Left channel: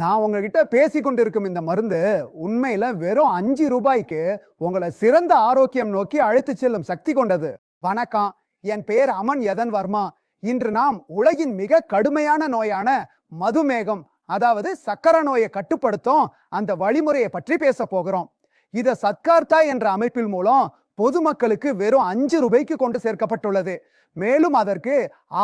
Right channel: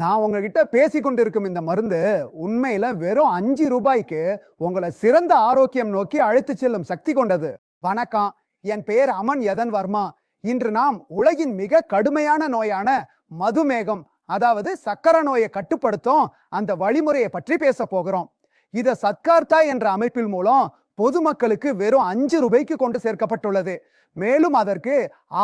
நான் உங்ககிட்ட பேசிக் கொண்டிருக்கும் இந்த மருந்து உண்மையில வெறும் 5 ரூபாய்க்கு உங்களை சிறந்த ஆரோக்கியம் நோக்கி அழைத்துச் செல்லும் சக்தி கொண்டது. வணக்கம், என் பெயர் அமன் யதன் வர்மா. இன்று நாம் உலகின் மிக கடுமையான நோயான மதுமேகம், அதாவது சக்கரை நோயை கட்டுப்படுத்தும் அந்த வழிமுறையை பற்றி பேச போகிறோம். இத சத்கார்த்தா என்ற அமைப்பில் மூலம் பொதுமக்களுக்கு வெறும் 5 ரூபாய்க்கு கொண்டு சேர்க்கப்பட்டுள்ளது. மேலும் அதற்கு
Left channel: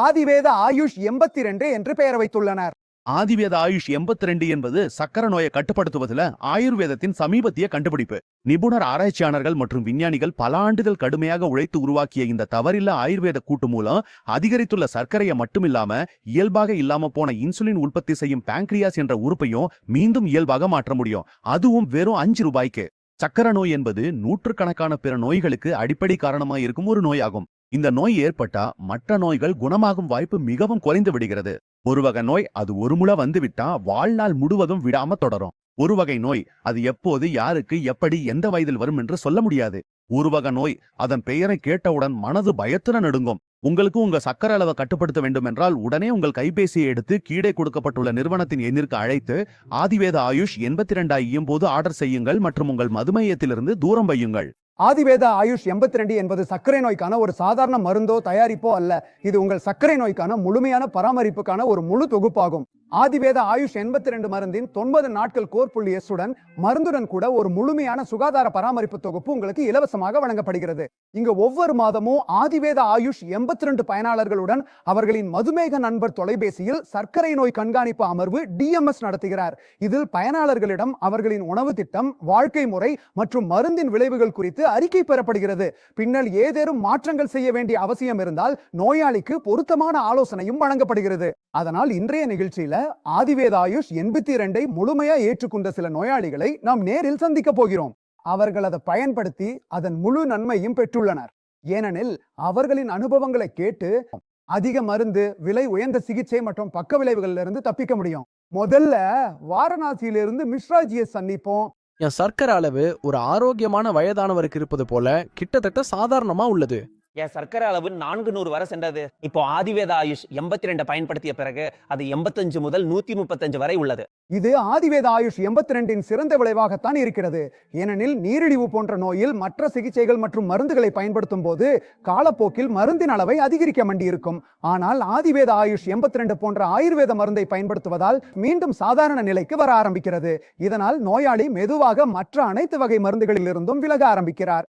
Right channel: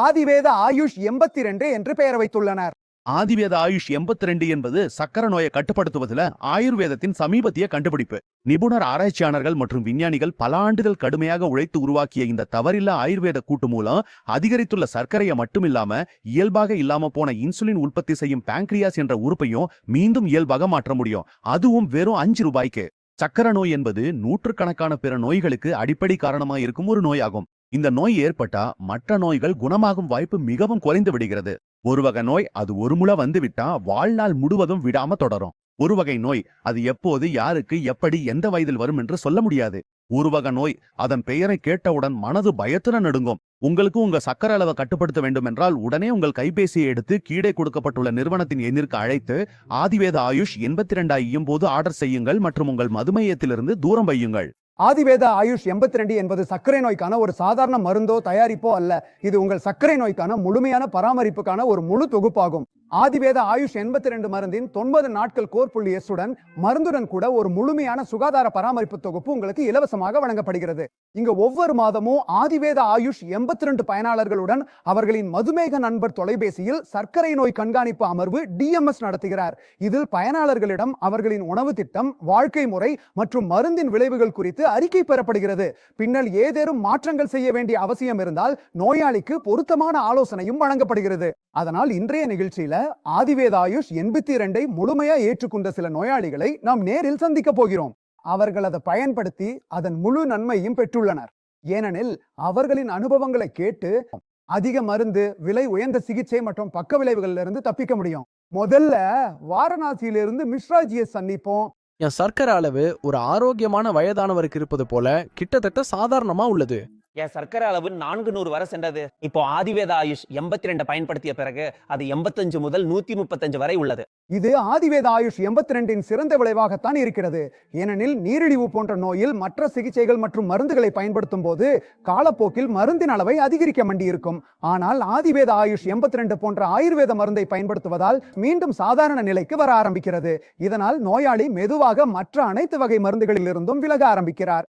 ஆதிவேத ஆயுஷ் 82 என்று பெயர் வைத்துள்ளனர். ஆதிவேத ஆயுஷ் 82 என்பது சக்கர நோயை கட்டுப்படுத்துவதில் ஆயுர்வேதத்தின் சமீபத்திய கண்டுபிடிப்பு. நிபுணர் ஆராய்ச்சியாளர்கள் மற்றும் விஞ்ஞானிகள் பல ஆண்டுகள் கடுமையாக உழைத்து உருவாக்கிய இந்த தவறில்ல ஆயுர்வேத கூட்டு மூலம் அதிகரித்துள்ள சர்க்கரையை மட்டுமில்லாம இயல்பாக இல்லாம போன இன்சுலின் உற்பத்தி செய்யும் பாங்க்ரியாஸ் என்ற உறுப்பையும் மீண்டும் இயல்பாக மாற்ற முடியும். அதுவும் வெறும் 5 ரூபாய்க்கு. சக்கர நோய் என்பது நூற்றுக்கணக்கான பிற நோய்களுக்கு அடிப்படை காரணமாக இருக்கும் ஒரு நோயாகும். இந்த நோய் ஏற்பட்டா மற்ற நோய்கள் குணமாகும் வாய்ப்பு மிகவும் குறைந்து விடுகிறது. ஒரு வகை நோய் அது ஒரு முறை வந்துவிட்டா வாழ்நாள் முழுவதும் விடாம தொடரும். ஒரு வகை நோய் அது எப்போது, யாருக்கு, எப்படி, எந்த வயதில் வரும் என்று சொல்ல முடியாது. ஒரு வகை நோய் அதன் பெயரை கேட்டவுடன் மனது பயத்துடன் நடுங்கும். உங்களுக்கு உங்க சக்கரை அளவை கட்டுப்படுத்த வேண்டும் என்றால் உடனே உங்கள் கைபேசியை எடுத்து கீழே கொடுக்கப்பட்டுள்ள நிறுவனத்தின் எண்ணிற்கு அழைத்து ஆதிவேத ஆயுஷ் 82 ஐயும் போது ஆர்டர் செய்யுங்கள் மற்றும் உங்கள் மதுமையத்திலிருந்து தூரம் வையுங்கள். ஆதிவேத ஆயுஷ் 82 என்பது சர்க்கரை நோய்க்கான ஒரு சாதாரண மருந்தோ தயாரிப்போ அல்ல. இது உங்கள் சர்க்கரை நோய்க்கான முழுமையான பராமரிப்புக்கான ஒரு முழு தொகுப்பாகும். ஆதிவேத ஆயுஷ் 82 மருந்தின் 90 நாட்கள் கோர் எஸ்ஸுடன் மருந்துடன் கூட ஒரு முழுமையான சுகாதார பராமரிப்பு தொகுப்பு உங்களுக்கு இலவசமாக வழங்கப்படுகிறது. இங்க ஒவ்வொரு மாதமும் ஆதிவேத ஆயுஷ் 82 பயனாளர்களுடன் அவர்களின் மதுமேக நண்பர் தொலைபேசியில் சர்க்கரை நோய் கண்காணிப்பு அமர்வு DMS நடத்துகிறார். இதில் பயனாளர்களிடம் அவர்களின் உணவு திட்டம், வாழ்க்கை முறை மற்றும் மருந்தின் விளைவுகள் குறித்து அறிக்கை பெறப்படுகிறது. பின்னர் ஏதேனும் மாற்றங்கள் செய்ய வேண்டிய அவசியம் இருந்தால் நோயாளிக்கு பொருத்தமான ஆலோசனையும் வழங்கப்படுகிறது. அதனால் இன்றைய நிகழ்ச்சியில ஆதிவேத ஆயுஷ் 82 முழுமையா ஏற்றுக்கொண்ட சில நோயாளிகளை நாம் நேரில் சந்திக்க போகிறோம். அவர்கள் அதை பயன்படுத்தி அதன் முழு நன்மையும் பெற்றுள்ளனர். ஏனெனில் அவர்களின் அனுபவங்களை கேட்டு அதிக மருந்து, விலை உயர்ந்த சிகிச்சை மற்றும் பக்க விளைவுகள்ல இருந்து தப்பிக்க முடியும். முதல்ல வாரணாசியிலிருந்து மிஸ்ராஜியை சந்திப்போம். என் சர்க்கரை அளவு ஒரு ஆரோக்கியமான வயதானவருக்கு இருப்பது போல கிட்டத்தட்ட சாதாரணமா உள்ளது. என் சர்க்கரை அளவு 400 வரை சென்றது. இப்போ ஆதிவேத ஆயுஷ் 82 பயன்படுத்திய பிறகு அது 85 முதல் 135 வரை உள்ளது. இது ஆதிவேத ஆயுஷ் 82 சிறந்த விளைவாகத்தான் இருக்கிறது. ஏனெனில் நீரிழிவு போன்ற நோயில் மற்ற சிகிச்சைகள் மற்றும் மருந்துகளை பயன்படுத்தும் போது காலப்போக்கில் மருந்தின் அளவை அதிகரிக்க வேண்டியிருக்கும். ஆனால் ஆதிவேத ஆயுஷ் 82 போன்ற ஆயுர்வேத மருந்தை பயன்படுத்துவதால் மீண்டும் சாதாரண நிலைக்கு வர ஆரம்பிக்கிறது. இதனால் நோயாளி மெதுவாக மற்ற அனைத்து வகை மருந்துகளில் இருந்தும் விலக ஆரம்பிக்கிறார்.